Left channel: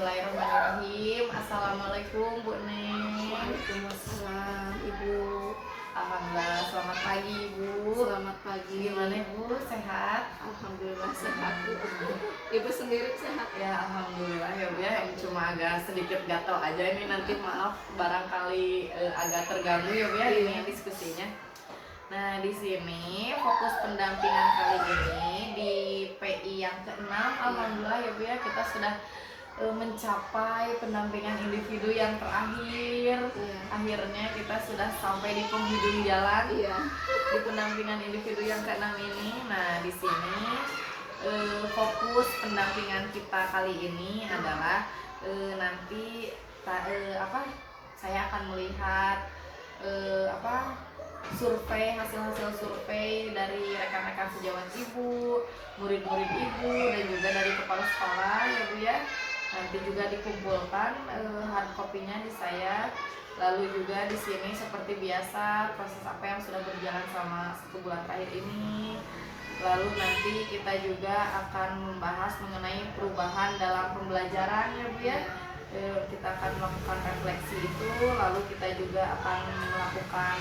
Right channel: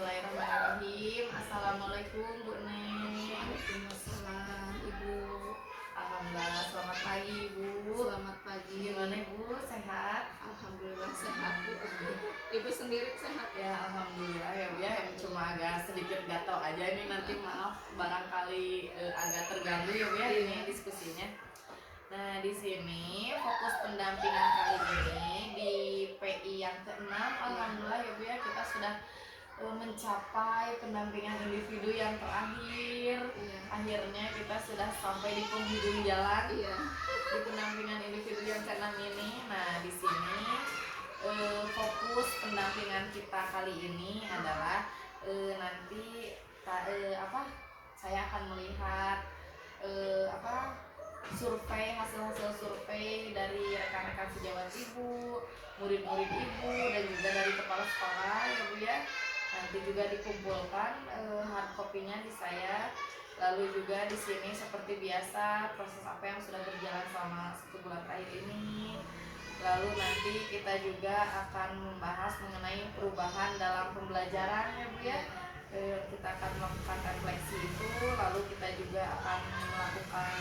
Bismillahirrahmanirrahim. Assalamualaikum Bu Neng. Waalaikumsalam Ibu. Alhamdulillah, selamat pagi Ibu. Selamat pagi. Gimana Ibu, sehat? Alhamdulillah sehat Bu. Ibu sendiri sehat? Ya Alhamdulillah ya Bu ya, yang cuma agak sedikit gatal aja ini, nanti maaf barangkali agak terganggu ya Bu ya ini diskusinya. Nah, di sini fokus pendampingan kali ini di PI yang ke-6. Alhamdulillah ya Bu ya, kita sudah mencapai pendampingan individu yang terakhir. Akhirnya kita sudah sampai di penghujung jalan di pendampingan individu yang ke-6 ini. Nah, di sini fokus pendampingan kita kali ini adalah nanti saya akan melihat hasil survei dari rekan-rekan sejawat Ibu, murid-murid Ibu, dan juga dari kepala sekolah ya Bu ya. Nanti juga dikumpulkan hard copy-nya di saya. Lalu juga di sini seperti biasa proses apa yang sudah berjalan selama 1 bulan terakhir ini. Lalu nanti kita juga akan membahas mengenai perubahan dalam pembelajaran ya Bu ya. Kita akan melakukan refleksi itu, lalu kita juga akan melakukan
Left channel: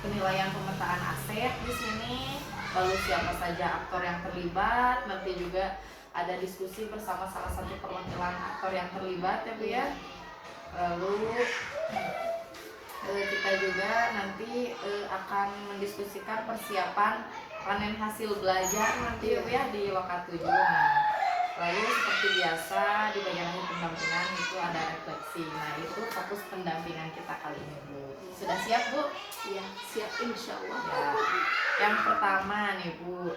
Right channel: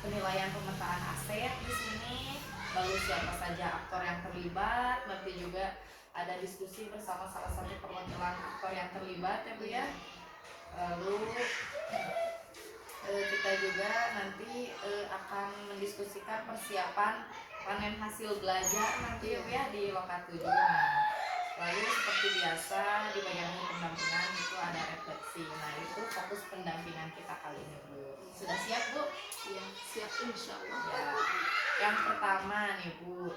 penilaian pemetaan aset di sini, lalu siapa saja aktor yang terlibat. Nanti juga ada diskusi bersama salah satu perwakilan aktor yang terlibat ya Bu ya. Lalu kita juga nanti akan mendiskusikan persiapan panen hasil belajar nanti ya Bu ya di Loka 7. Lalu seperti biasa di bagian akhir pendampingan itu ada refleksi. Nah, itu fokus pendampingan kita kali ini Bu. Sudah siap Bu? Iya, siap insya Allah. Ya. Yang pertama nih Bu,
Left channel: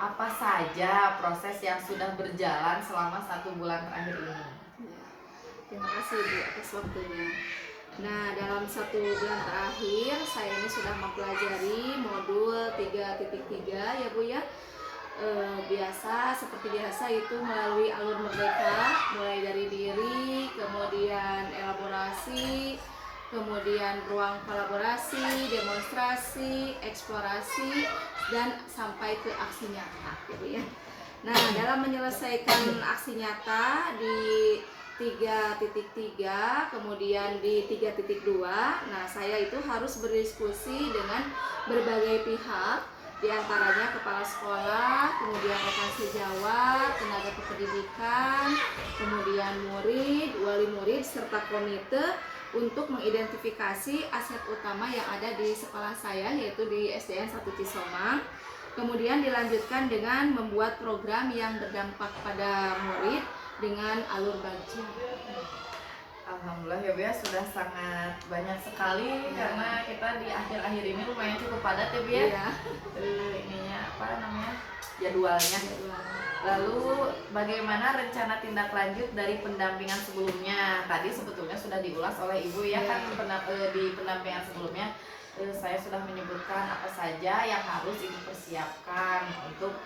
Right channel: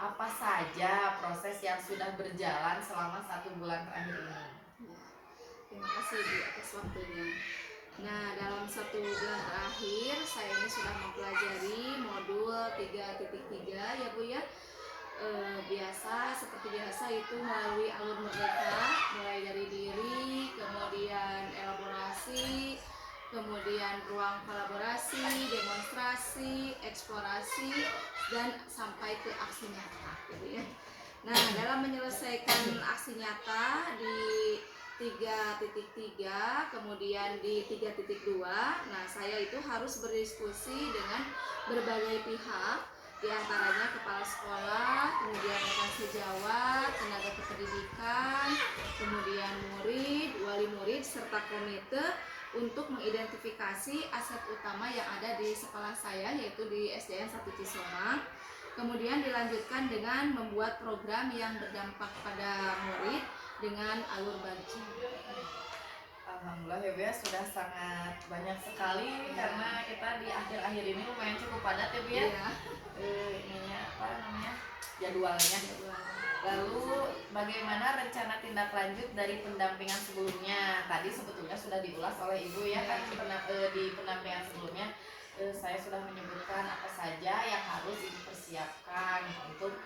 apa saja proses yang sudah berjalan selama 1 bulan terakhir ini? Ya, terima kasih Bu atas waktunya. Nah, dalam 1 bulan terakhir saya ini sudah mempelajari modul 3.3 ya Bu ya. Biasa seperti biasa itu melalui alur merdeka, mulai dari diri, kemudian elaborasi, kemudian ruang kolaborasi, demonstrasi, eksplorasi, dan sampai ke aksi nyata gitu ya. Nah, dalam menyelesaikan aksi nyata di 3.3, kemudian di 3.2, nah saya itu harus berdiskusi dengan berbagai pihak, diantaranya kepala sekolah, kemudian rekan sejawat, tenaga kependidikan, kemudian murid, wali murid, serta komite untuk mengidentifikasi aset utama yang ada di sekolah saya, yaitu di SDN 1 Cisomang. Kemudian dilanjutkan dengan membuat program yang berdampak pada murid dengan alur baca. Alhamdulillah ya Bu ya, sudah sangat banyak sekali karena kita di akhir-akhir ini lumayan cukup padat ya Bu ya. Jadwalnya. Lalu bagaimana rencana tindak lanjut dari pendampingan sebelumnya? Tadi sebetulnya sudah diulas oleh Ibu ya kan di pendampingan sebelumnya. Saya sudah menyebutkan apa saja yang harus Ibu persiapkan untuk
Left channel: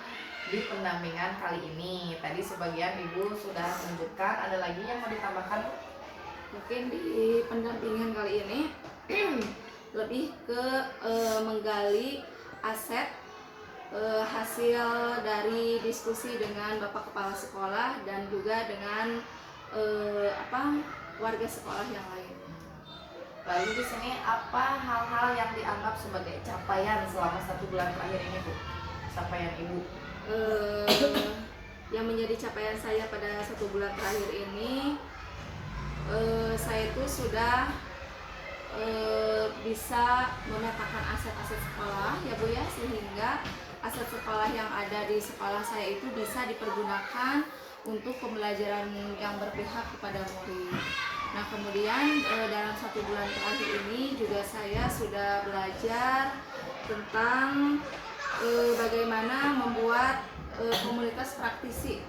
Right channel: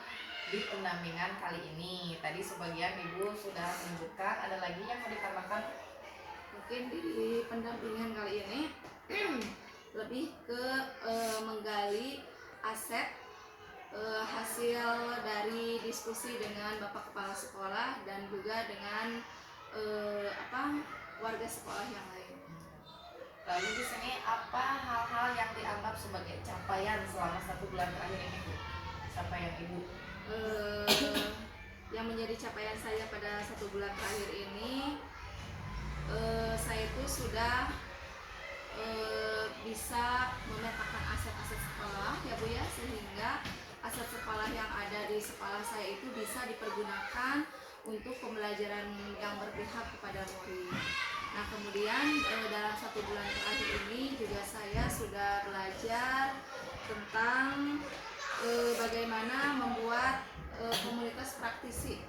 di pendampingan kali ini. Tadi sebagian Ibu sudah menyebutkan, ada lagi yang mau ditambahkan? Mungkin di pendampingan kali ini lebih ke menggali aset hasil dari diskusi dengan Bapak Kepala Sekolah dan juga dengan warga sekolah yang lain. Lalu di sini apa hal-hal yang dianggap sebagai capaian selama 1 bulan terakhir ini Bu? Capaian Ibu? Yang menjadi capaian saya pada 1 bulan terakhir ini, saya itu sudah bisa memetakan aset-aset sekolah ya Bu ya, sehingga aset sekolah yang ada di sekolah saya itu bisa dipergunakan untuk pembelajaran yang berpihak kepada murid. Nah, kemudian dalam 1 bulan terakhir ini juga saya sudah belajar tentang bagaimana membuat komunitas praktisi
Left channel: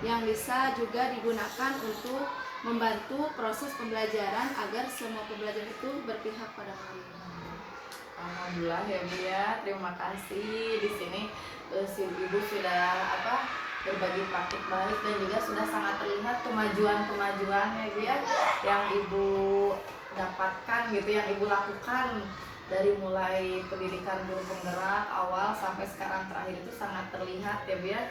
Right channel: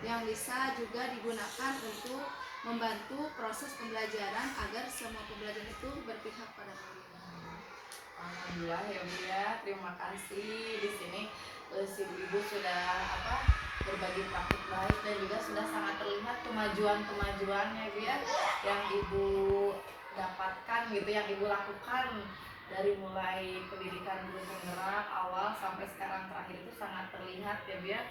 yang bisa juga digunakan untuk membantu proses pembelajaran agar semua pembelajaran itu berpihak pada murid. Alhamdulillah ya Bu ya, terima kasih. Di sini si Ibu sudah berbagi praktik baik dan juga sudah sangat terlihat kemajuan-kemajuan ya Bu ya yang Ibu dapatkan gitu, yang Ibu lakukan dari mulai pendidikan guru penggerak awal sampai sekarang terakhir itu sangat terlihat ya Bu ya.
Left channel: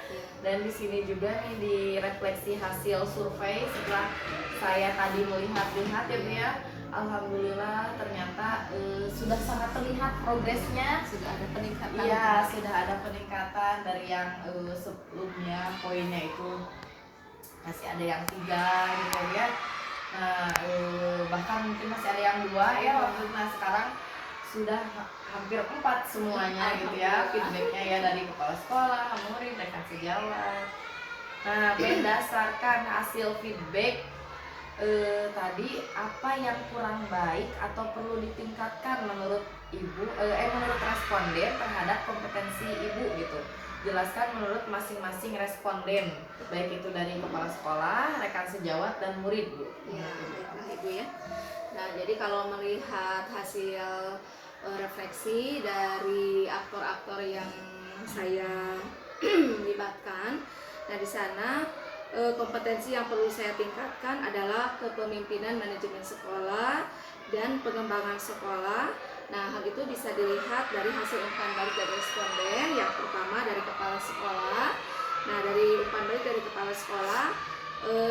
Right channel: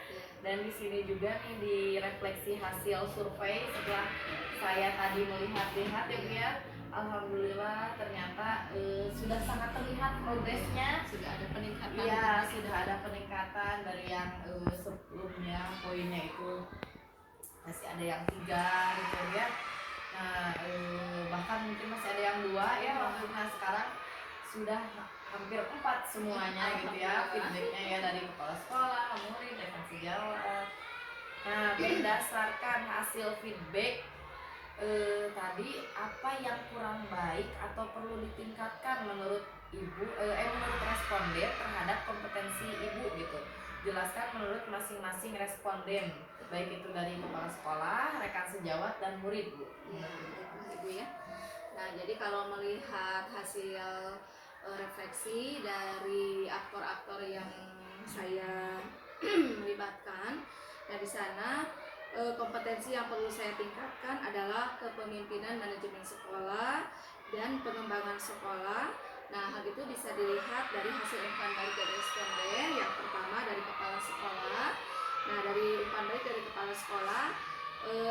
Dan di sini juga nih direfleksi hasil survei setelah saya tadi melihat-lihat ya Bu ya. Alhamdulillah ternyata sudah sangat terlihat progresnya. Sudah ada peningkatan. Iya, sudah ada peningkatan dari yang sebelumnya poinnya itu masih ada yang 3 gitu ya. Nah, bahkan mungkin masih ada yang 2 ya waktu itu. Nah, sekarang sudah hampir 4 semuanya gitu ya feedbacknya ya dari kepala sekolah, murid, rekan sejawat. Nah, berdasarkan hasil feedback tadi apa yang kurang baik atau perlu ditingkatkan menurut menurut responden terhadap kompetensi ibu gitu. Jelaskan menurut masing-masing responden, baik itu dari kepala sekolah, rekan sejawat dan murid Bu. Ya, baiklah Ibu ya. Nah, jadi kalau melihat hasil refleksi dari aktor-aktor yang saya libatkan, nah di sana kompetensi yang perlu saya tingkatkan adalah kepemimpinan manajemen sekolah dan pengembangan sekolah. Nah, hal itu bisa dilihat dari hasil umpan balik dari responden. Yang pertama dari kepala sekolah. Nah, dari umpan balik dari kepala sekolah,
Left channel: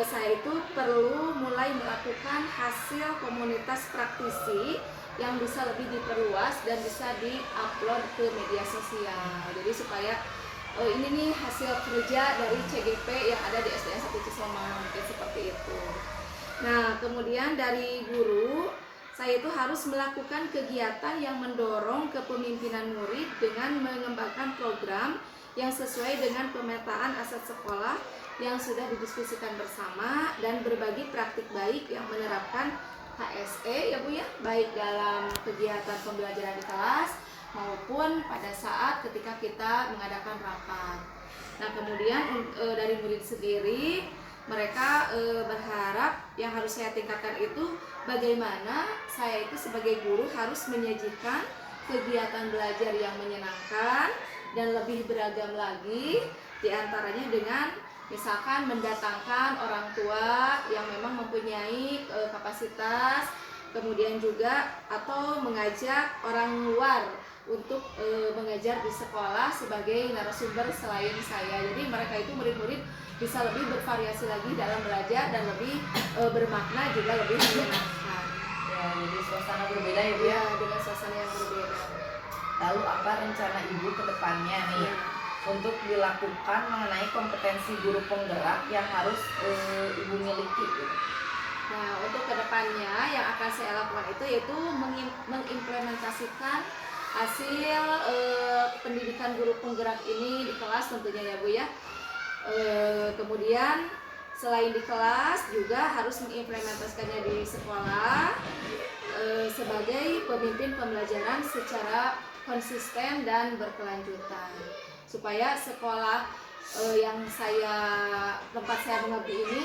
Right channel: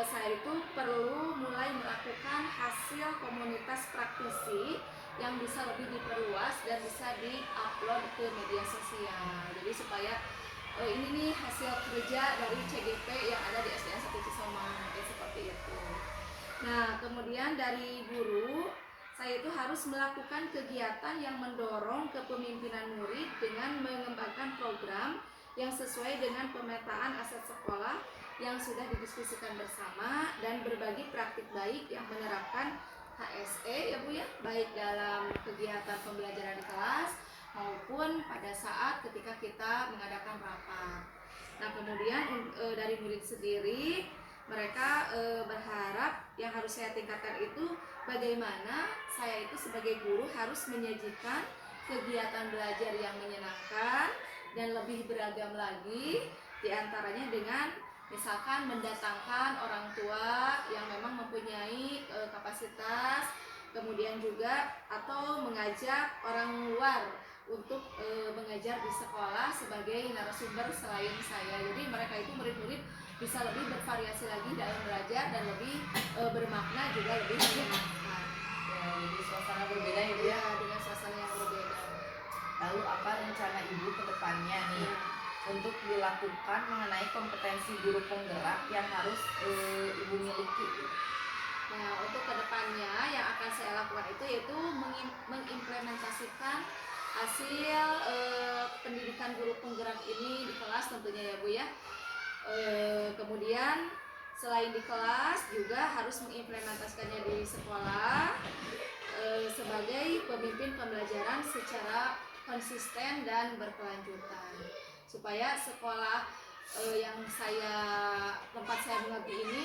saya itu perlu mulai melakukan hasil komunitas praktisi yang bisa lebih diperluas dan bisa di-upload ke media sosial. Jadi supaya ini nih hasil kerja dari CGP yang ada di SDN 1 Cisoma, mungkin seperti itu. Nah, kemudian dari guru, saya itu harus melakukan kegiatan yang mendorong kepemimpinan murid dengan mengembangkan program yang sesuai dengan pemetaan aset sekolah yang sudah didiskusikan bersama dan berbagi praktik baik yang menerapkan HSE ya Bu ya, baik dalam kegiatan pembelajaran di kelas maupun pada saat ketika kita mengadakan rapat. Nah, kemudian dari murid sendiri, mereka berharap yang harus saya tingkatkan itu bagaimana saya itu sebagai guru harus menyajikan kegiatan belajar yang menyenangkan dan lebih beragam lagi, diantaranya dengan misalkan mendatangkan orang tua yang memang mempunyai kapasitas, kemudian juga atau mengajak orang luar untuk mengajar di sekolah sebagai narasumber selain saya. Jadi mereka itu murid-murid bisa lebih bervariasi lagi dalam belajar dan lebih bermakna juga lebih menyenangkan. Ya, jadi suasana berbeda ya Bu ya. Dengan suasana yang berbeda. Lalu apa rencana Ibu ke depannya nih untuk dilakukan mengenai kompetensi guru penggerak yang harus Ibu miliki gitu? Nah, untuk kedepannya yang akan saya lakukan itu yaitu mengimplementasikan hasil pendidikan guru penggerak ini di kelas tentunya ya Bu ya. Kemudian selain di kelas juga harus mengimplementasikannya di sekolah sebagai pemimpin pembelajaran secara konsisten dan berkelanjutan, supaya sekolah yang tempat saya mengabdi ini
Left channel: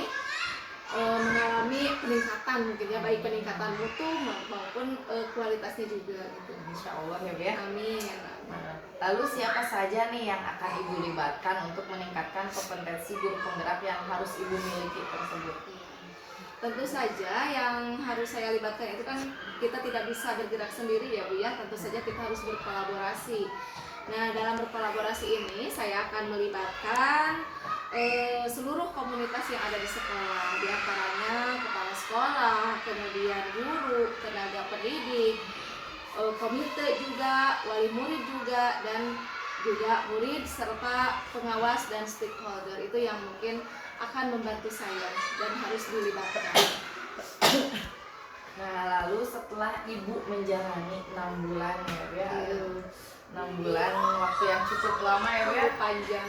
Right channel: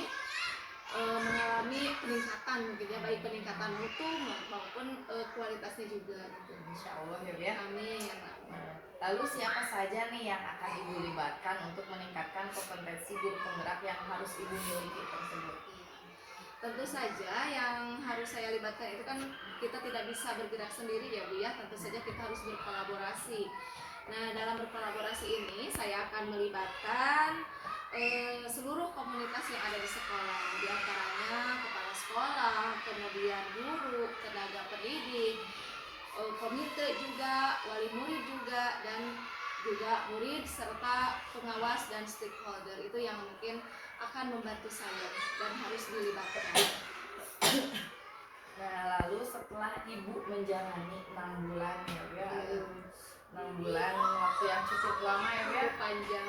mengalami peningkatan mungkin ya, baik peningkatan mutu maupun kualitasnya juga gitu. Insya Allah ya Bu ya. Amin. Lalu siapa saja nih yang akan Ibu libatkan untuk meningkatkan kompetensi guru penggerak yang harus Ibu miliki tersebut? Tentu saja yang harus saya libatkan itu kan kita tidak bisa bergerak sendiri ya Bu ya, tentu saja kita harus berkolaborasi. Nah, dalam berkolaborasi ini saya akan melibatkan seluruh komunitas yang ada di sekolah, diantaranya kepala sekolah, kemudian guru, tenaga pendidik, komite juga, wali murid juga, dan juga murid serta pengawas dan stakeholder itu yang mungkin akan membantu saya dan harus dilibatkan. Nah, lalu setelah Ibu menjalani 6 bulan ya 6 bulan waktu yang cukup lama ya Bu ya, panjang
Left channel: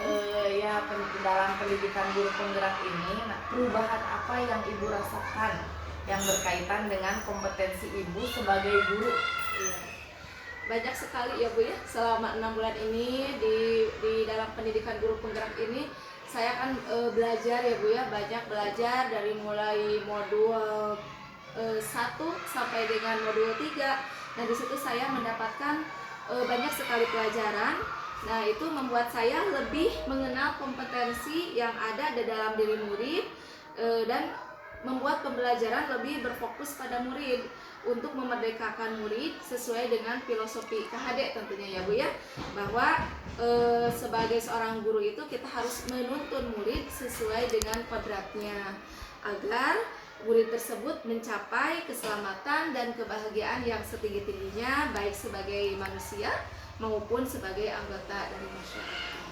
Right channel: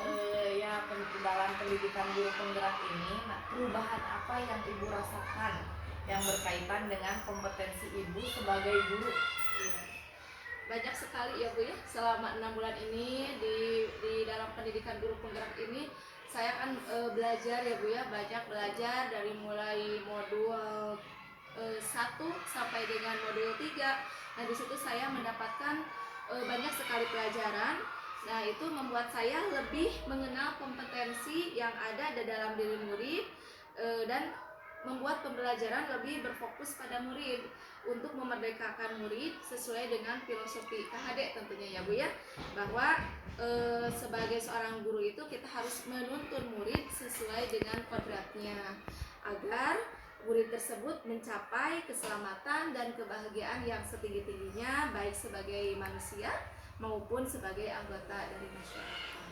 dalam pendidikan guru penggerak ini. Nah, perubahan apa yang Ibu rasakan yang berkaitan dengan kompetensi Ibu sebagai guru? Banyak sekali ya Bu ya, selama 6 bulan ini di dalam pendidikan guru penggerak ini saya kan belajar ya Bu ya, banyak belajar dari mulai modul 1 sampai dengan modul 3. Nah, di situ saya mendapatkan banyak sekali pelajaran. Nah, itu membuat saya lebih mengenal kompetensi yang ada di dalam diri murid dan membuat pembelajaran lebih berfokus pada murid. untuk memerdekakan murid sesuai dengan filosofi KHD tentunya ya Bu ya, bahwa sebagai seorang guru itu kita harus menuntun murid sesuai dengan kodratnya agar murid tersebut mencapai keselamatan dan kebahagiaan yang setinggi-tingginya baik sebagai manusia maupun sebagai anggota dari masyarakat.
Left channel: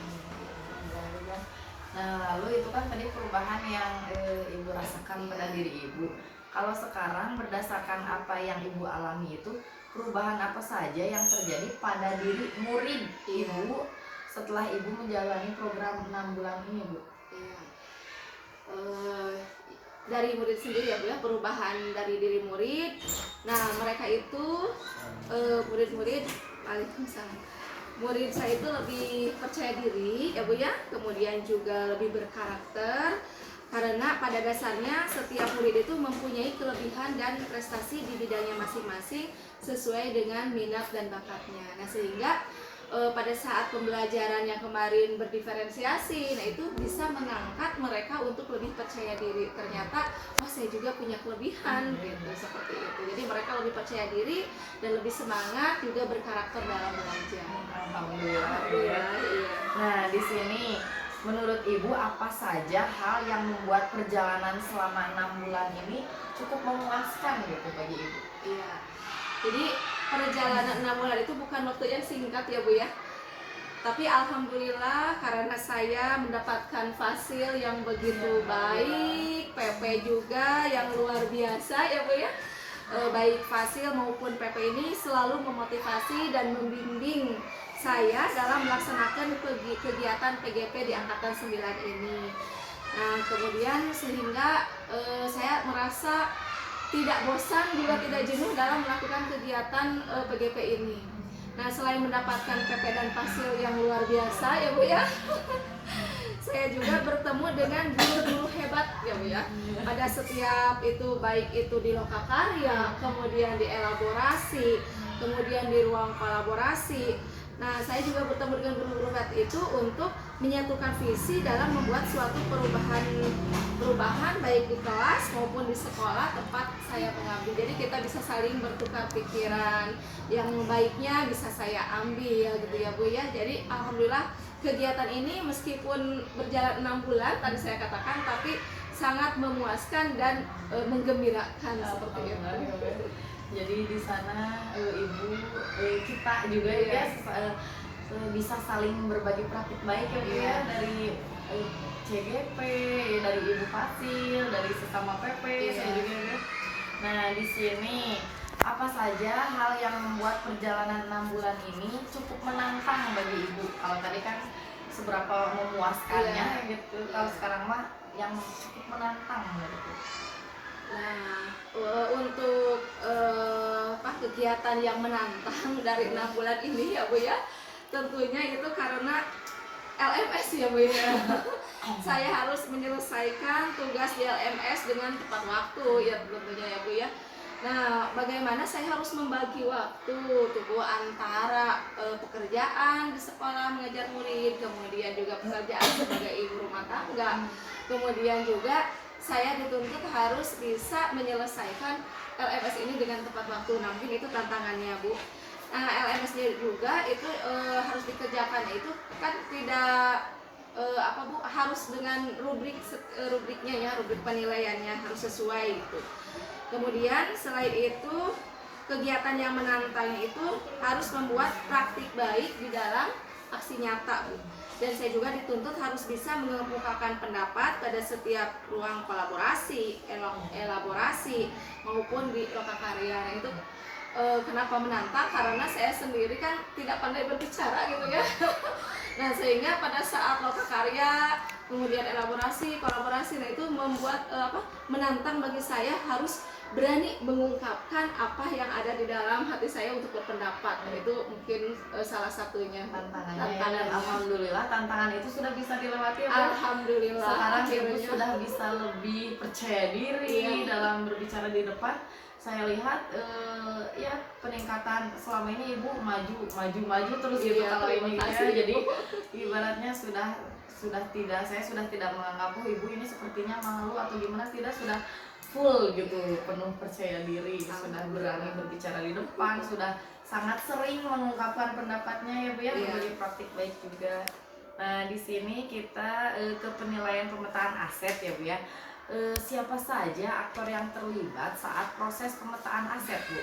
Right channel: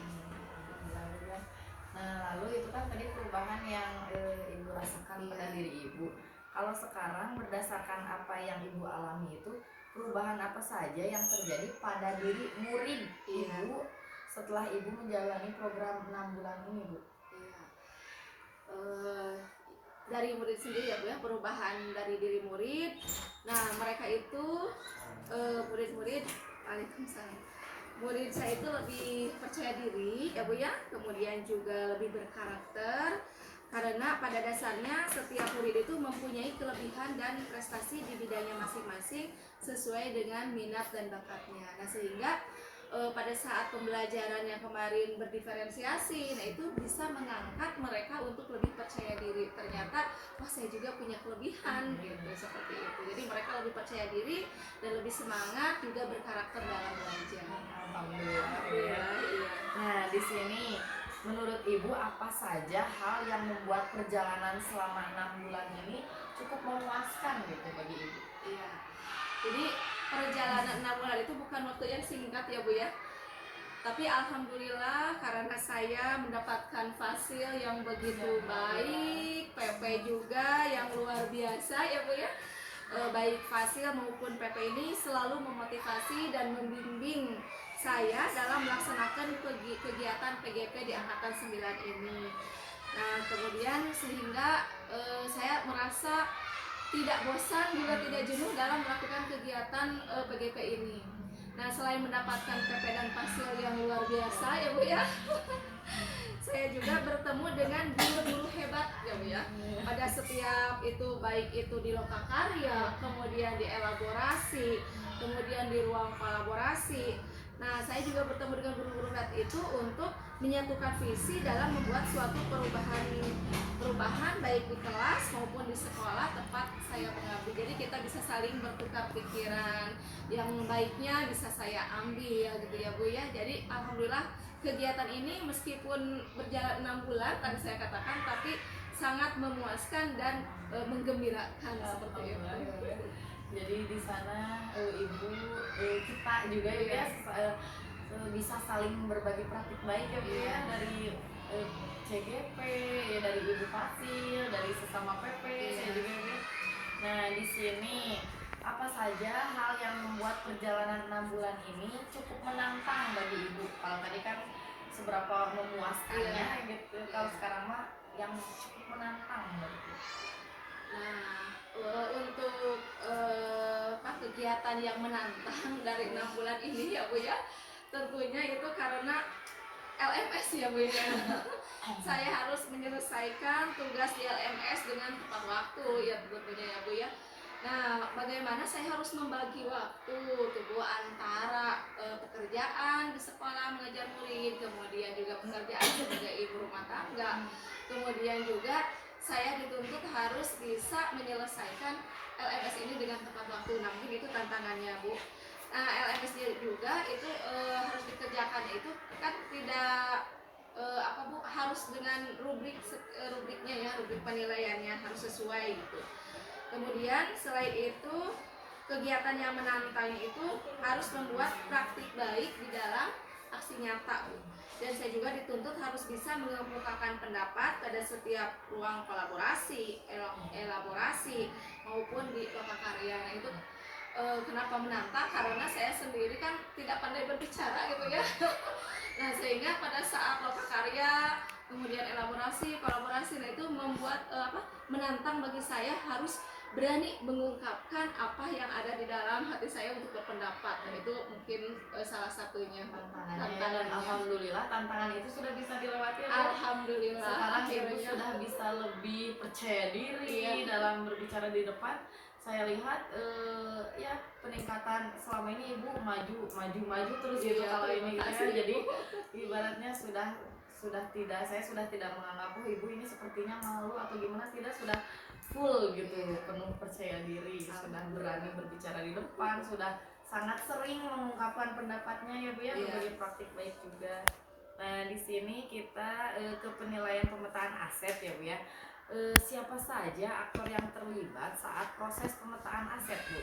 Nah, lalu itu kan tadi perubahan yang ibu rasakan pada diri ibu. Kalau sekarang berdasarkan apa yang ibu alami itu, perubahan apa saja yang terjadi pada diri murid ibu setelah ibu menjalani program 6 bulan ini, Bu? Iya. Dari murid sendiri ya Bu ya, perubahan dari diri murid. Nah mereka itu murid-murid, waalaikumsalam, murid saya itu lebih percaya diri ya Bu ya, kemudian juga lebih berkarakter, karena pada dasarnya setiap murid itu mempunyai kelebihan dan prestasi di bidangnya masing-masing sesuai dengan minat dan bakatnya. Nah sehingga pada saat pembelajaran yang kemarin berdiferensiasi, nah itu bisa mengangkat mereka untuk lebih percaya diri. Ternyata, oh saya juga punya kelebihan, gitu seperti itu. Jadi mereka lebih percaya diri dan lebih semangat, juga berkarakter dalam belajar. Alhamdulillah. Iya. Nah, di sini menurut ibu apa saja hal yang membuat perjalanan selama 6 bulan ini cukup memuaskan gitu bagi ibu? Iya. Jadi perjalanan 6 bulan itu bukan waktu yang singkat ya Bu ya. Tapi alhamdulillah karena saya mendapatkan fasil yang begitu baik, PP juga yang luar biasa ya Bu ya. Baik fasil maupun PP ini selalu memotivasi dan membimbing saya dalam melaksanakan kegiatan PGP di angkatan 9 ini. Nah, kemudian sehingga saya merasa tidak bosan juga tidak jenuh dalam melakukan kegiatan PGP ini. Nah selain mendapatkan PP dan fasil yang luar biasa ya Bu ya, saya juga bertemu dengan guru-guru hebat ya Bu ya. Pada setiap itu baik itu di lokakarya, kemudian di elaborasi, kemudian di ruang kolaborasi. Nah saya juga bertemu dengan guru-guru hebat itu untuk menyatukan visi dalam membuat suatu perubahan baik di kelas maupun di sekolah tempat saya mengabdi. Jadi kita bisa saling bertukar pikiran, yang baiknya bisa saya ambil gitu ya Bu ya. Jadi alhamdulillah kegiatan ini meskipun berjalan 6 bulan tadi saya katakan, tapi sangat memuaskan dan menggembirakan seperti itu. Jadi di sana ibu kita juga ya bisa saling berbagi praktik baik ya Bu ya, dari CGP, ya, dari Ibu Fasil, dari sesama PP, saya juga ya. Nah di sini apa saja hal yang membuat perjalanan 6 bulan ini cukup menantang bagi ibu? Kalau tadi kan seberapa memuaskannya gitu, kalau sekarang mah yang cukup menantang menurutku. Nah untuk kegiatan yang menantang dari 6 bulan ini ya Bu ya, tentunya itu karena LMS ya Bu ya. Saya harus menyelesaikan tugas di LMS dengan tepat waktu ya tentunya ya Bu ya. Nah, bagaimana saya harus membagi waktu tuh Bu antara pekerjaan di sekolah mengajar murid, kemudian juga pekerjaan sebagai ibu rumah tangga, kemudian juga saya dituntut harus bisa menyelesaikan LMS ini dengan tepat waktu. Nah, mungkin itu tantangannya Bu. Nah, LMS juga itu harus dikerjakan itu kan tidak Bu, harus dengan rubriknya ya, rubrik penilaiannya harus sesuai gitu. Kemudian selain itu kegiatan yang menantang itu harus membuat praktik baik di dalam aksi nyata Bu. Dan saya juga dituntut harus bisa mengemukakan pendapat pada setiap ruang kolaborasi, elaborasi maupun di lokakarya. Nah, itu kenapa menantang? Karena saya sendiri kan tidak pandai berbicara gitu ya. Nah sehingga pada saat lokakarya, kemudian elaborasi, kolaborasi, nah itu membuat menantang bagi saya harus berani mengungkapkan apa yang ada di dalam hati saya untuk berpendapat. Nah, itu mungkin salah satunya tantangannya. Dan alhamdulillah tantangan itu sudah bisa dilewati ya Bu. Alhamdulillah. Sekarang ibu sudah bisa lebih percaya diri dalam berbicara di depan. Saya lihat ya peningkatan selama ini ibu maju terus gitu kalau ini ya. Jadi ibaratnya saya sudah tidak menganggap ibu ini sepertinya malu atau gimana, tidak, sudah full gitu, penuh percaya diri, sudah berani berbicara di depan, sudah sangat sering mengungkapkan pendapatnya ya Bu ya, berbagi praktik baik juga. Nah, di sini kita ke penilaian pemetaan aset ya Bu ya. Siapa saja aktor yang terlibat saat proses pemetaan aset Bu?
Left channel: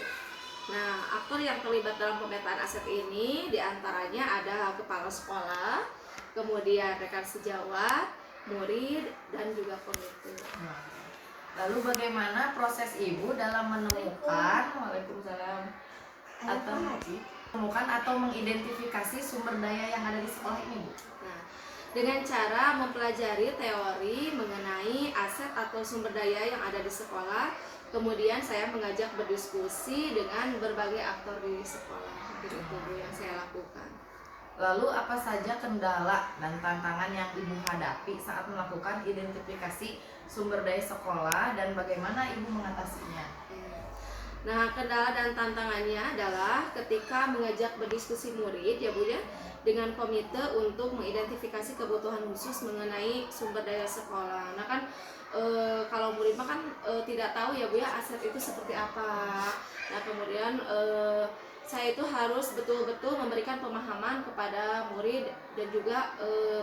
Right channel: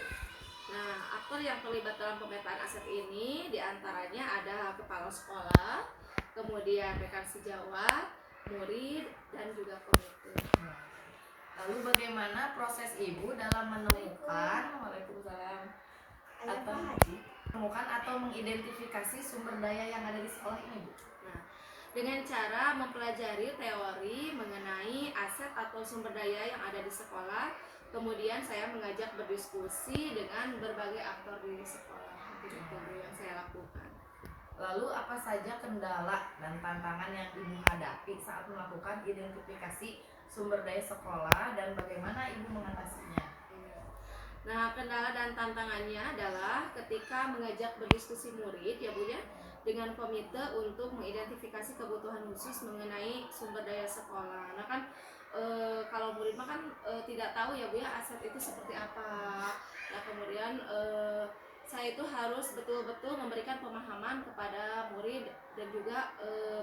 Nah, aktor yang terlibat dalam pemetaan aset ini diantaranya ada kepala sekolah, kemudian rekan sejawat, murid, dan juga komite. Lalu bagaimana proses Ibu dalam menemukan, Waalaikumsalam, atau menemukan atau mengidentifikasi sumber daya yang ada di sekolah ini Bu? Nah, dengan cara mempelajari teori mengenai aset atau sumber daya yang ada di sekolah, kemudian saya mengajak berdiskusi dengan berbagai aktor di sekolah. Itu Bu yang saya lakukan. Lalu apa saja kendala dan tantangan yang Ibu hadapi saat melakukan identifikasi sumber daya sekolah dan bagaimana Ibu mengatasinya? Nah, kendala dan tantangannya adalah ketika mengajak berdiskusi murid ya Bu ya, dengan komite untuk mengidentifikasi kebutuhan khusus mengenai sumber daya sekolah. Nah kan kalau murid mah kan tidak tahu ya Bu ya aset itu seperti apa. Nah kemudian saya itu harus betul-betul memberikan pemahaman kepada murid dan juga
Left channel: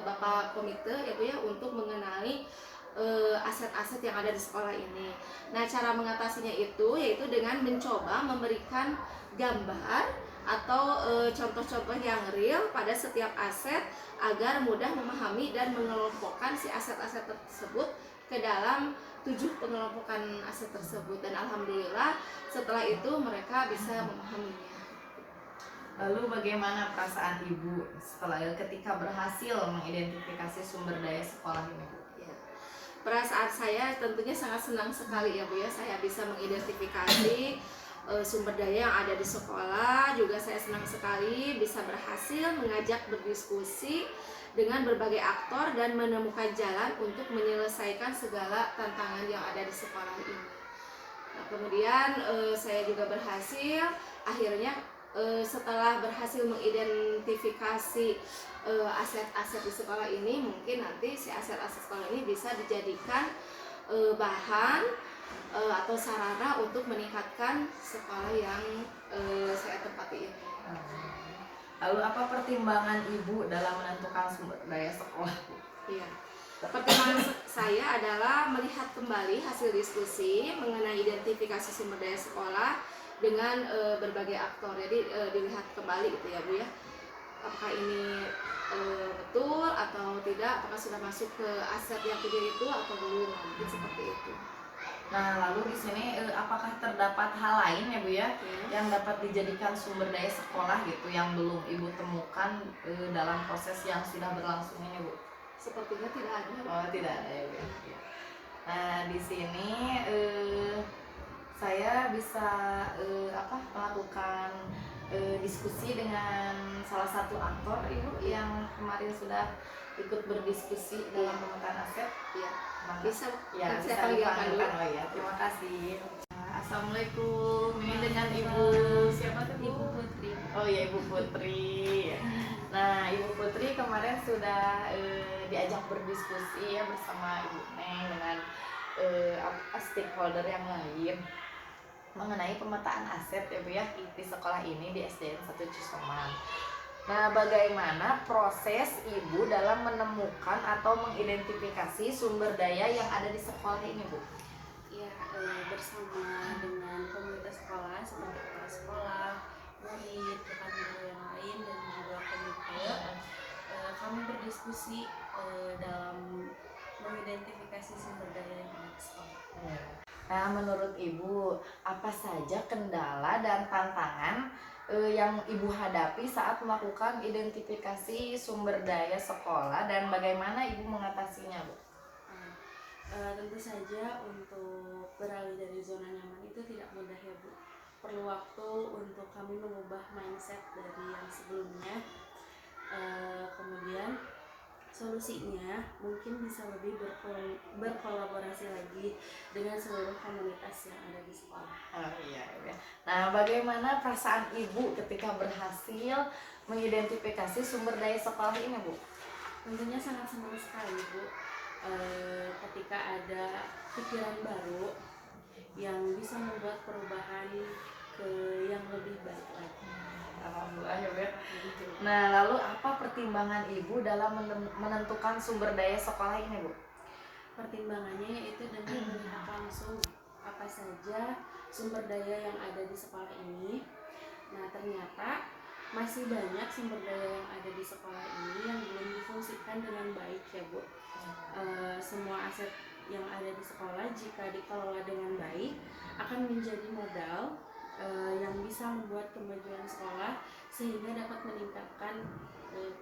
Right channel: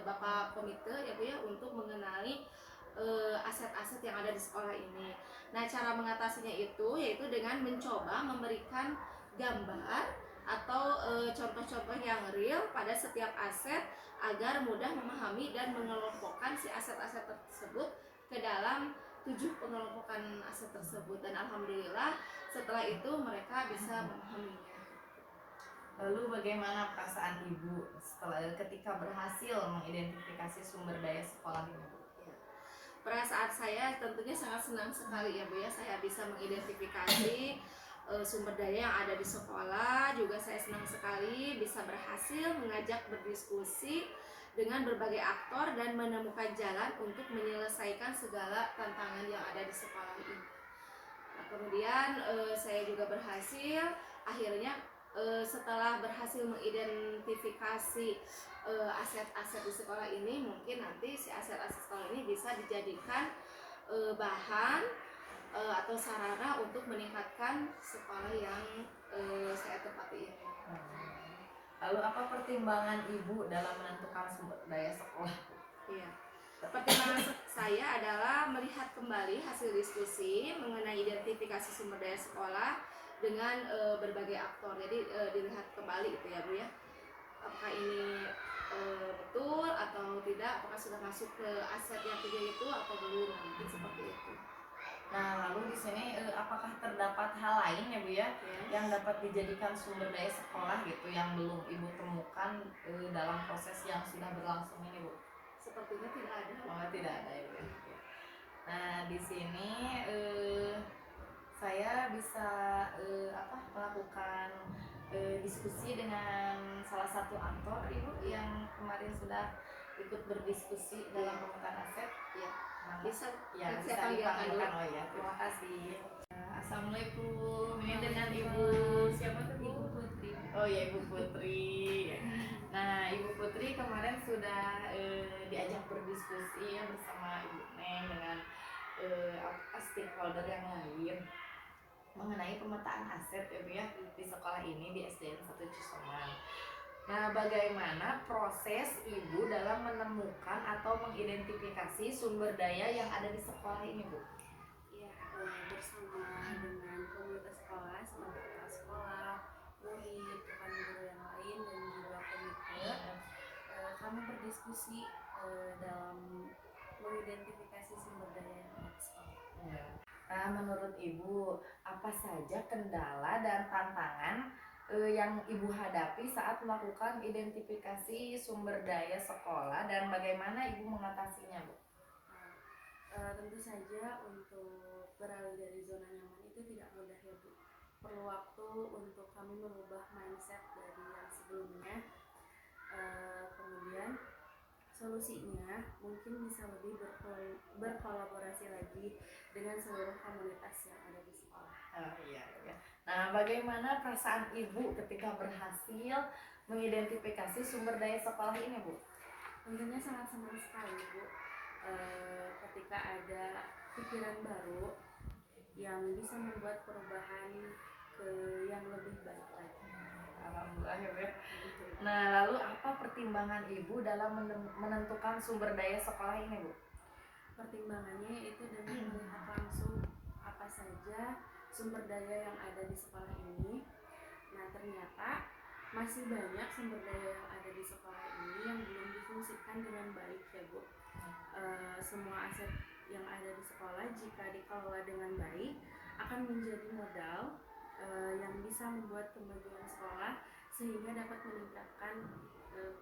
Bapak komite ya Bu ya untuk mengenali aset-aset yang ada di sekolah ini. Nah, cara mengatasinya itu yaitu dengan mencoba memberikan gambar atau contoh-contoh yang real pada setiap aset agar mudah memahami dan mengelompokkan si aset-aset tersebut ke dalam 7 pengelompokan aset tersebut, dan alhamdulillah setelah itu mereka bisa memahaminya. Lalu bagaimana perasaan Ibu setelah ketika berhasil mengidentifikasi sumber daya sekolah ini Bu? Perasaan saya tentunya sangat senang sekali ya Bu ya, saya bisa mengidentifikasi sumber daya yang ada di sekolah. Juga saya senang sekali bisa berhasil mengajak berdiskusi dengan berbagai aktor dan menemukan jalan untuk menyelesaikan segala tantangan yang ada di sekolah ini. Nah, kemudian saya juga berhasil akhirnya setelah berhasil mengidentifikasi aset-aset di sekolah ini, mungkin nanti si aset-aset sekolah ini bisa dijadikan bahan atau sarana untuk meningkatkan sekolah yang saya tempati ini. Lalu apa pertimbangan Ibu dalam menentukan sumber daya sekolah Bu? Iya. Pertimbangan saya adalah melihat kembali hasil diskusi mengenai identifikasi sumber daya sekolah dengan berbagai aktor. Jadi dilihat kembali gitu ya Bu ya, apakah ini betul atau tidak, apakah sudah masuk ke aset yang 7 itu atau belum, mungkin seperti itu. Nah, lalu di sini apakah terdapat hal lain ya Bu ya, yang dapat dijadikan sumber daya sekolah gitu yang belum Ibu temukan dalam proses yang sudah berlangsung ini Bu? Sepertinya tidak ada. Oh, tidak ada ya Bu ya. Nah, di sini saya bisa melakukan diskusi dengan salah satu aktor Ibu yang kemarin sudah ikut berdiskusi dalam pemetaan aset. Iya. Bisa ya, bisa dipanggilkan. Oh ya, terima kasih. Assalamualaikum. Ini dengan Ibu siapa tuh? Ibu Putri. Oh ya, Ibu Putri. Nah, Ibu Putri kemarin sudah diajak berdiskusi ya bersama Ibu Neng dengan stakeholder yang lain mengenai pemetaan aset ya Bu ya di sekolah ini di SDN 1 Cisoman. Nah, bagaimana proses Ibu dalam menemukan atau mengidentifikasi sumber daya yang ada di sekolah ini Bu? Ya, bersama dengan komunitas sekolah seperti kepala sekolah, murid, rekan guru yang lain dan juga komite, kami berdiskusi dalam mengidentifikasi sumber daya yang ada di sekolah. Nah, menurut Ibu, apa saja kendala dan tantangan yang Ibu hadapi saat melakukan identifikasi sumber daya sekolah dan bagaimana Ibu mengatasinya, Bu? Tentu saja untuk beralih dari zona nyaman itu tidak mudah ya Bu. Perlu waktu untuk kami mengubah mindset dari yang sebelumnya. Kemudian solusinya mungkin bisa lebih berkolaborasi lagi dengan seluruh komunitas yang ada di sekolah. Oh iya. Nah, bagaimana perasaan Ibu ketika berhasil mengidentifikasi sumber daya sekolah ini, Bu? Tentunya sangat senang sekali Bu, ketika ada pikiran baru yang bisa membuat perubahan ke yang lebih baik lagi. Alhamdulillah ya Bu ya. Gitu. Nah, lalu apa pertimbangan Ibu dalam menentukan sumber daya sekolah ini, Bu? Pertimbangannya yaitu dengan melihat langsung apa saja sumber daya yang ada di sekolah ini. Nah, ternyata masih banyak sumber daya yang ada di sekolah ini yang belum difungsikan dengan baik ya Bu. Semua aset yang ada di sekolah jika dikelola dengan baik akan menjadi modal yang bisa membuat kemajuan sekolah sehingga dapat meningkatkan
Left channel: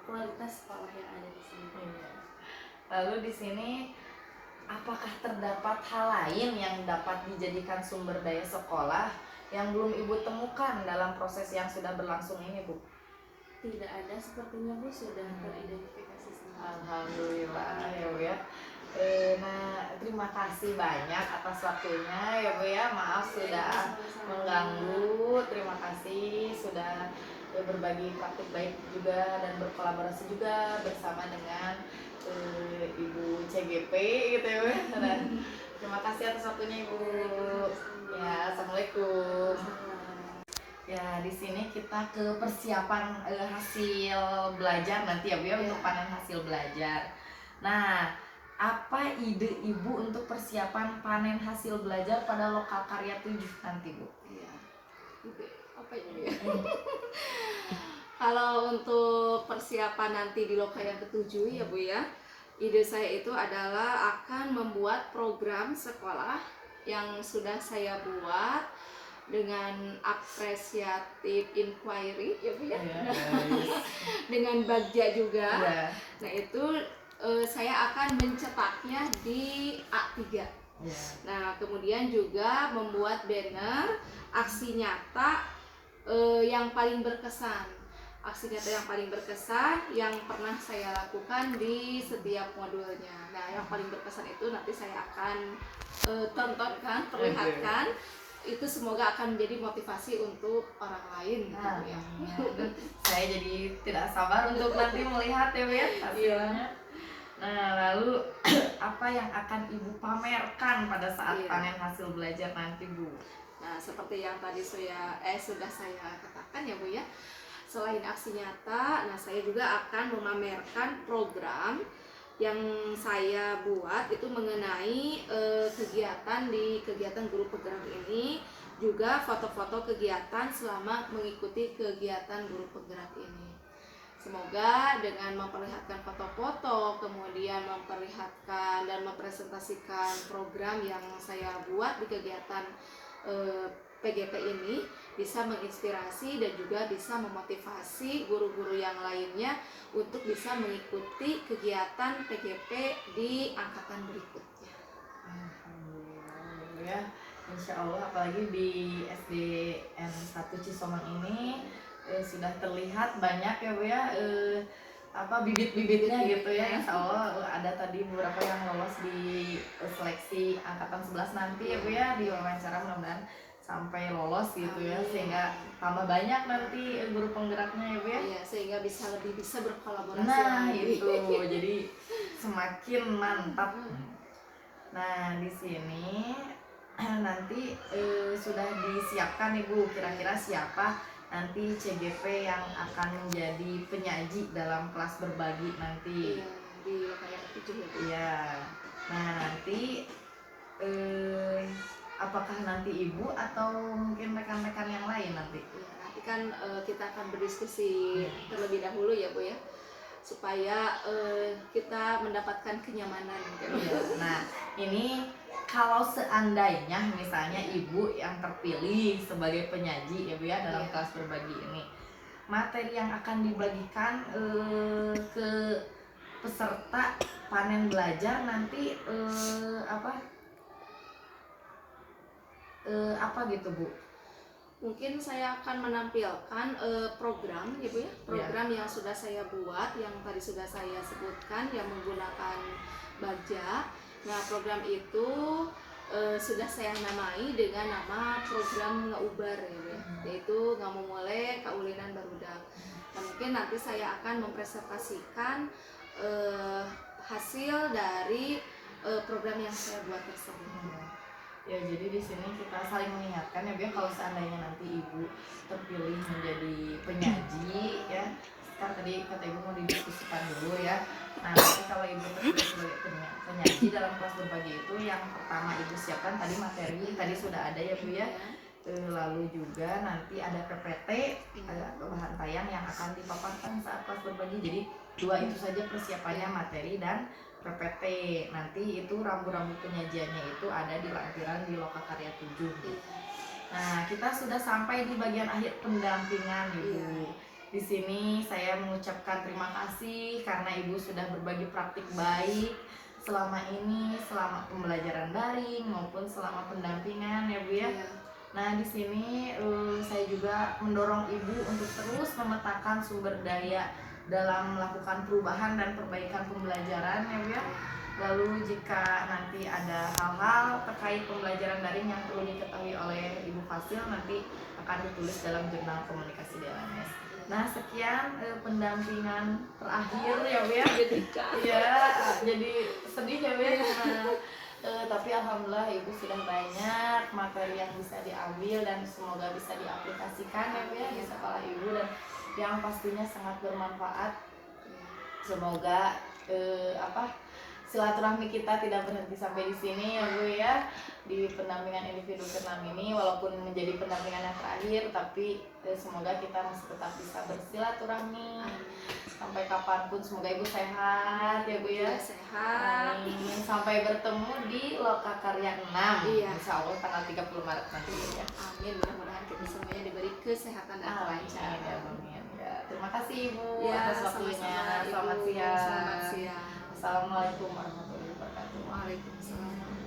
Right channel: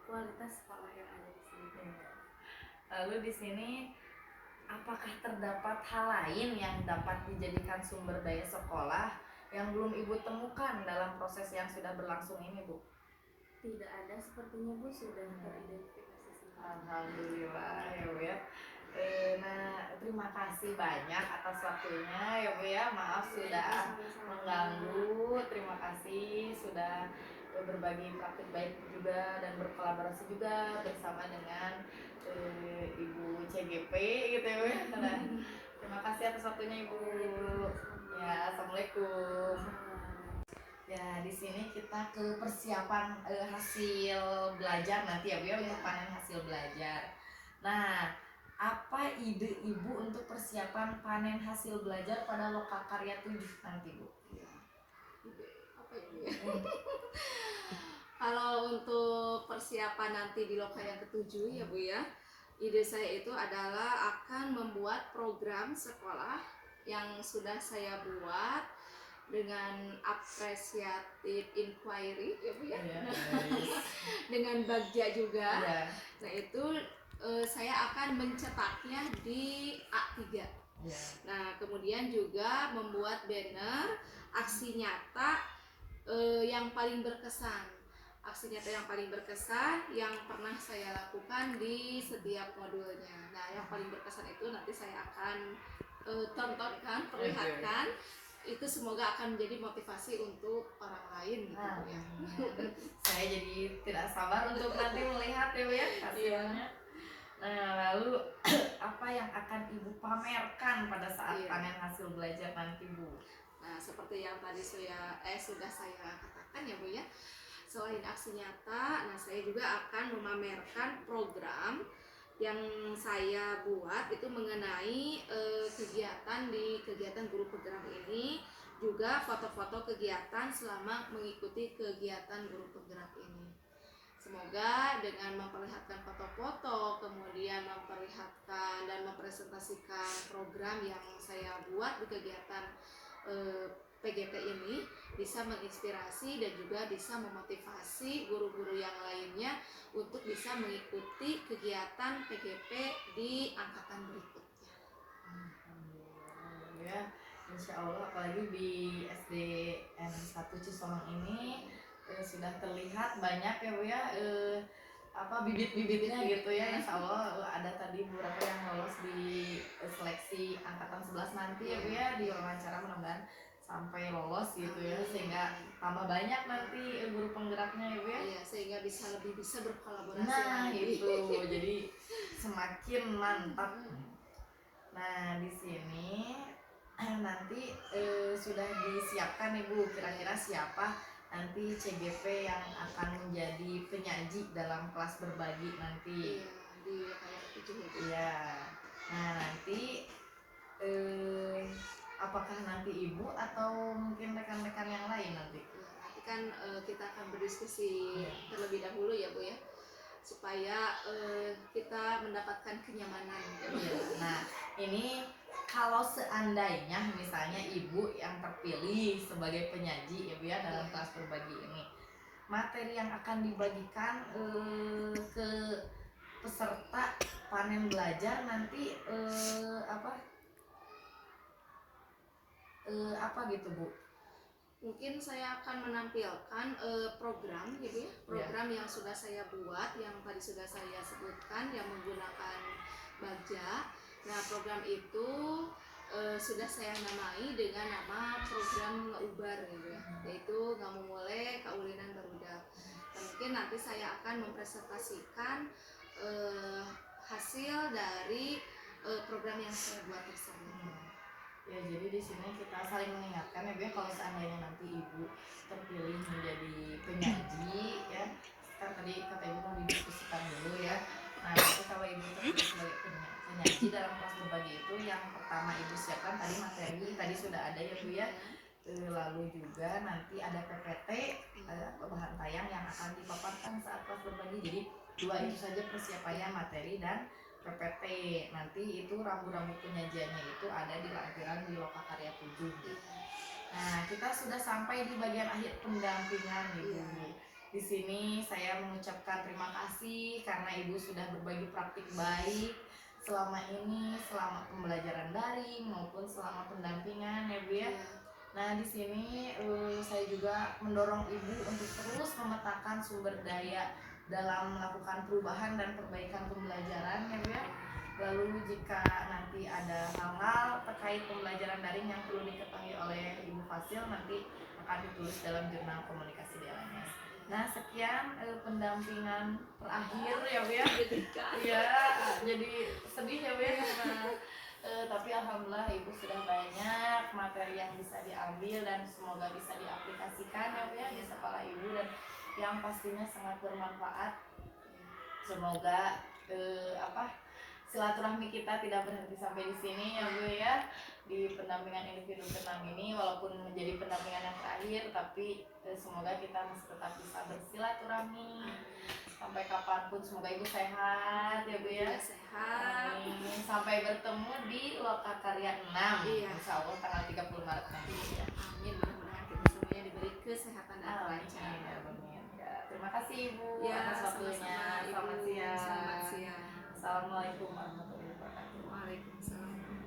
kualitas sekolah yang ada di sini. Lalu di sini apakah terdapat hal lain yang dapat dijadikan sumber daya sekolah yang belum Ibu temukan dalam proses yang sudah berlangsung ini, Bu? Tidak ada, sepertinya Bu sudah teridentifikasi semua. Alhamdulillah ya Bu ya. Nah, terima kasih banyak atas waktunya ya Bu ya. Maaf sudah mengganggu. Terima kasih sudah berbagi praktik baik juga dan berkolaborasi juga bersama dengan Ibu CGP gitu ya Bu ya. Dan terima kasih atas waktunya Ibu. Ya, assalamualaikum. Ya, di sini kita ke persiapan hasil belajar nanti ya Bu ya, untuk panen hasil belajar. Nah, apa ide Ibu untuk persiapan panen hasil belajar pada lokal karya 7 nanti, Bu? Iya. Apa ini ya? Kalau untuk persiapan nanti di lokal yang ketujuh ya Bu ya, ide saya itu adalah akan membuat program sekolah yang sudah saya buat dengan apresiatif inquiry ya Bu ya, dengan bagja juga. Nah itu saya akan mencetaknya di A3. Nah kemudian juga membuat banner aksi nyata yang paling berkesan. Aksi nyata yang paling berkesan yang pernah saya lakukan di setiap modulnya. Nah yang paling berkesan itu nanti saya akan tontonkan, perlihatkan. Itu semoga akan menjadi motivasi untuk orang lain gitu ya. Saya jadi tidak sabar untuk nanti melihat ya Bu ya hasilnya. Nah lalu apa yang akan Ibu pamerkan pada saat panen hasil belajar nanti Bu? Nah seperti yang tadi sudah saya katakan ya Bu ya, selain aksi nyata, nah saya juga akan memamerkan program yang saya buat itu mengenai kegiatan guru penggerak ini, juga foto-foto kegiatan selama mengikuti kegiatan guru penggerak ini. Semoga dengan memperlihatkan foto-foto, kemudian memperlihatkan dan mempresentasikan program yang saya buat di kegiatan PGP ini bisa menginspirasi dan juga bisa memotivasi guru-guru yang lainnya untuk bisa mengikuti kegiatan PGP di angkatan berikutnya. Alhamdulillah ya, insya Allah apalagi di SDN 1 Cisomang ini sudah terlihat banyak ya Bu ya bibit-bibitnya gitu ya. Insya Allah ada tadi beberapa yang lolos di seleksi angkatan 11 nanti ya Bu ya, di wawancara, mudah-mudahan sampai lolos gitu ya, sehingga tambah banyak nanti guru penggeraknya ya Bu ya. Iya, sehingga lebih bisa berkolaborasi. Nah itu jadi semakin mantap. Nah di sini nanti sudah disiapkan Ibu, kira-kira siapa nanti CGP yang akan menjadi penyaji dalam kelas berbagi nanti. Iya, di lokal yang ketujuh ya Bu. Iya. Nah nanti apakah nanti Ibu atau mungkin rekan-rekan yang lain nanti? Ya, nanti kan kita akan berdiskusi terlebih dahulu ya Bu ya, supaya kita mendapatkan kenyamanan gitu. Nah ini kalau seandainya misalnya Ibu yang terpilih sebagai penyaji ya Bu ya dalam kelas berbagi ini, materi yang akan dibagikan ke peserta panen belajar nanti apa gitu Bu? Mungkin saya akan menampilkan program ya Bu ya, program yang sudah saya buat, yang tadi sudah saya sebutkan, yang menggunakan bagja. Nah program itu sudah saya namai dengan nama program ngeubar ya Bu ya, yaitu ngamumule kaulinan barudak. Nah, mungkin nanti saya akan mempresentasikan hasil dari program yang saya buat tersebut. Ya, jadi di sini kita saling mengingatkan ya Bu ya, kalau seandainya nanti Ibu terpilih menjadi penyaji ya, kan tadi kata Ibu mau didiskusikan dulu ya. Nah, nanti kalau Ibu terpilih sebagai penyaji dalam kelas berbagi itu, yang pertama Ibu siapkan tadi materi, tadi sudah ada ya Bu ya. Lalu juga nanti ada PPT, ada bahan tayang yang akan dipaparkan saat kelas berbagi. Jadi dua itu saja persiapannya, materi dan PPT. Nanti itu rambu-rambu penyajiannya itu ada di lampiran di Lokakarya 7. Nah, kita sudah sampai di bagian akhir pendampingan Ibu. Di sini saya mengucapkan terima kasih karena Ibu sudah berbagi praktik baik selama ini, selama pembelajaran daring maupun selama pendampingan ya Bu ya. Nah, di sini saya juga mendorong Ibu untuk terus memetakan sumber daya dalam melakukan perubahan dan perbaikan pembelajaran ya Bu ya. Lalu jika nanti ada hal-hal terkait pembelajaran daring yang perlu diketahui oleh Ibu Fasil, nanti akan ditulis dalam jurnal komunikasi di LMS. Nah, sekian pendampingan terakhir ya Bu ya. Iya, jadi sedih ya Bu ya. Tapi alhamdulillah Ibu sudah banyak materi yang bisa diambil dan semoga bisa diaplikasikan ya Bu ya di sekolah Ibu, dan yang pastinya sangat bermanfaat. Semoga silaturahmi kita tidak berhenti sampai di sini ya Bu ya, di pendampingan individu ke-6 ini, walaupun menjadi pendampingan yang terakhir, tapi semoga kita masih tetap bisa bersilaturahmi sampai kapanpun. Semoga Ibu sehat ya Bu ya. Sehat. Amin. Sampai bertemu di Lokakarya 6. Insya Allah tanggal 30 Maret nanti ya. Amin, mudah-mudahan kita semuanya diberi kesehatan dan kelancaran. Amin ya. Terima kasih Ibu Ya, atas waktunya. sama-sama, Ibu. Selamat siang. Selamat siang. Assalamualaikum warahmatullahi wabarakatuh. Waalaikumsalam.